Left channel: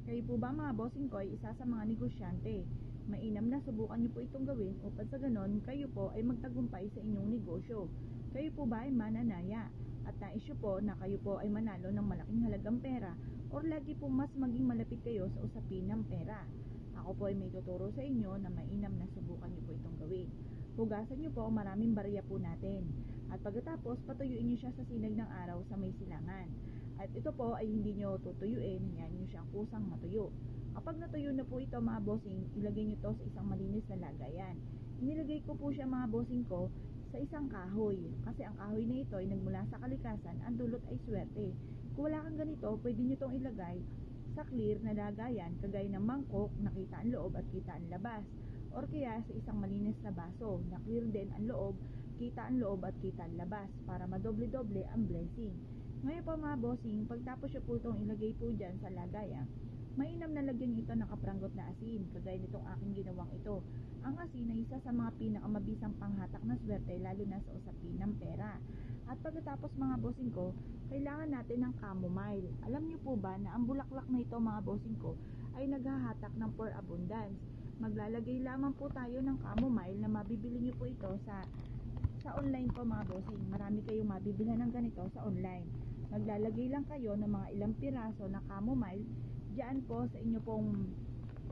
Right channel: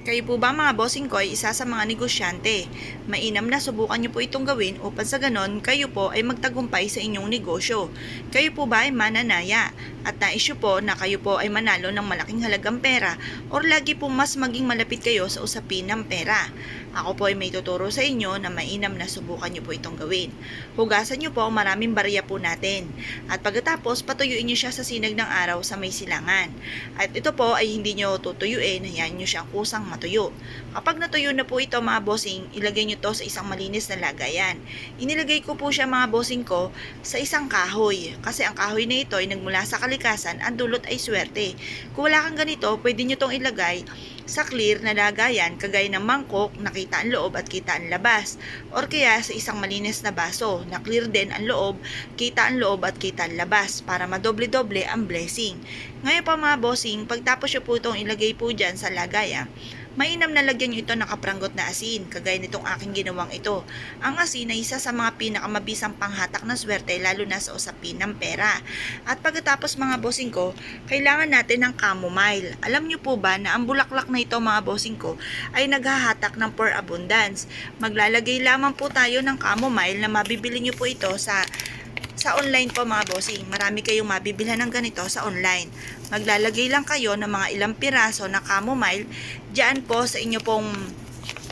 Kayo po ba mga bossing ko ay isa sa mga negosyante? Mainam na subukan niyo po itong gawin upang sa ganon kayo po ay magtagumpay sa inyong negosyo. Kayo po ba ay mananaya at nais niyo po na kayo po ay manalo ng malaking halagang pera or lagi pong mas maging malapit kayo sa usapin ng pera? Ako po ay may tuturo sa inyo na mainam na subukan niyo po itong gawin. Hugasan niyo po ang maraming barya po natin at pagkatapos patuyuin niyo siya sa sinag ng araw sa may silangan. At ito po ay hindi nyo tutuyuin, hayaan nyo siyang kusang matuyo. Kapag natuyo na po ito mga bossing, ilagay nyo to sa isang malinis na lagayan. Inilagay ko po siya mga bossing ko sa isang kahoy. Kasi ang kahoy na ito ay nagmula sa kalikasan, ang dulot ay swerte. Kung wala kang ganito, pwede nyo tong ilagay sa clear na lagayan kagaya ng mangkok na kita ang loob at kita ang labas. Or kaya sa isang malinis na baso na clear din ang loob, kita ang loob at kita ang labas para madoble-doble ang blessing. Ngayon pa mga bossing, pagtapos nyo po itong ilagay po dyan sa lagayan, mainam na lagyan nyo ito ng kaprangot na asin, kagaya nitong aking ginawang ito. Ang asin ay isa sa mga pinakamabisang panghatak ng swerte lalo na sa usapin ng pera. At pagkatapos mga bossing ko, kailangan natin ng chamomile. Alam nyo po ba na ang bulaklak na ito mga bossing ko ay naghahatak ng for abundance. Maglalagay lamang po tayo ng chamomile na mabibili nyo po ito sa online po mga bossing. Marami kayong mabibilhan ng ganito sa online. Maglalagay lang kayo ng mga ilang piraso na chamomile diyan po sa inyo pong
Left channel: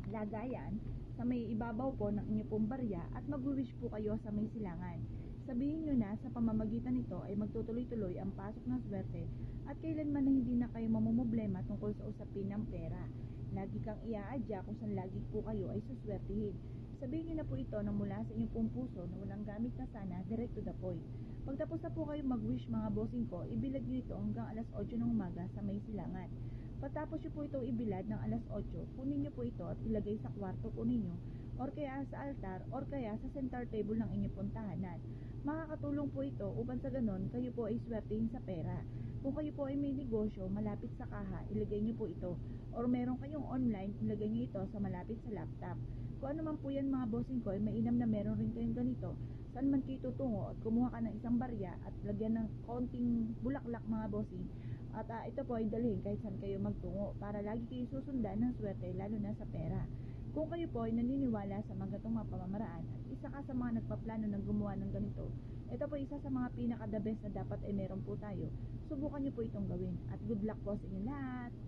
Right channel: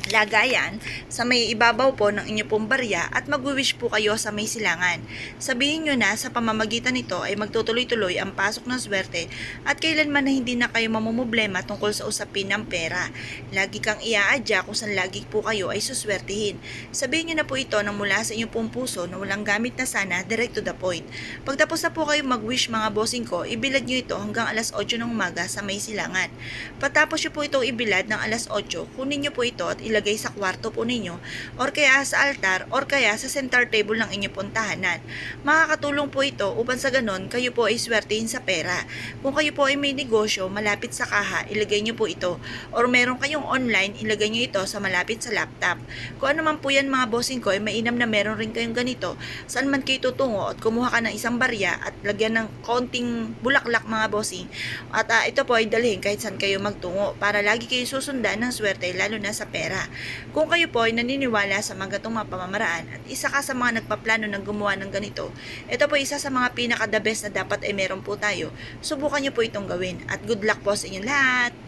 lagayan sa may ibabaw po ng inyo pong barya at mag-wish po kayo sa may silangan. Sabihin nyo na sa pamamagitan nito ay magtutuloy-tuloy ang pasok ng swerte at kailanman na hindi na kayo mamumblema tungkol sa usapin ng pera. Lagi kang iaadya kung saan lagi po kayo ay suswertihin. Sabihin nyo na po ito na mula sa inyong pong puso na walang gamit na sana, direct to the point. Pagtapos na po kayo mag-wish mga bossing ko, ibilad nyo ito hanggang alas 8 ng umaga sa may silangan. Patapos nyo po itong ibilad ng alas 8, kunin nyo po ito at ilagay sa kwarto po ninyo or kaya sa altar or kaya sa center table ng inyong pong tahanan. Makakatulong po ito upang sa ganon kayo po ay swertihin sa pera. Kung kayo po ay may negosyo malapit sa kaha, ilagay nyo po ito. Or meron kayong online, ilagay nyo ito sa malapit sa laptop. Kung ano man po yan mga bossing ko, ay mainam na meron rin kayong ganito. Saan man kayo tutungo at kumuha ka ng isang barya at lagyan ng konting bulaklak mga bossing. At ito po ay dalhin kahit saan kayo magtungo para lagi kayo susundan ng swerte lalo na sa pera. Kung kayo po ay naniniwala sa mga gatong mga pamamaraan at isa ka sa mga nagpaplano ng gumawa ng ganito, ito po isa sa mga pinaka-the best na dapat ay meron po tayo. Subukan nyo po itong gawin at good luck po sa inyong lahat!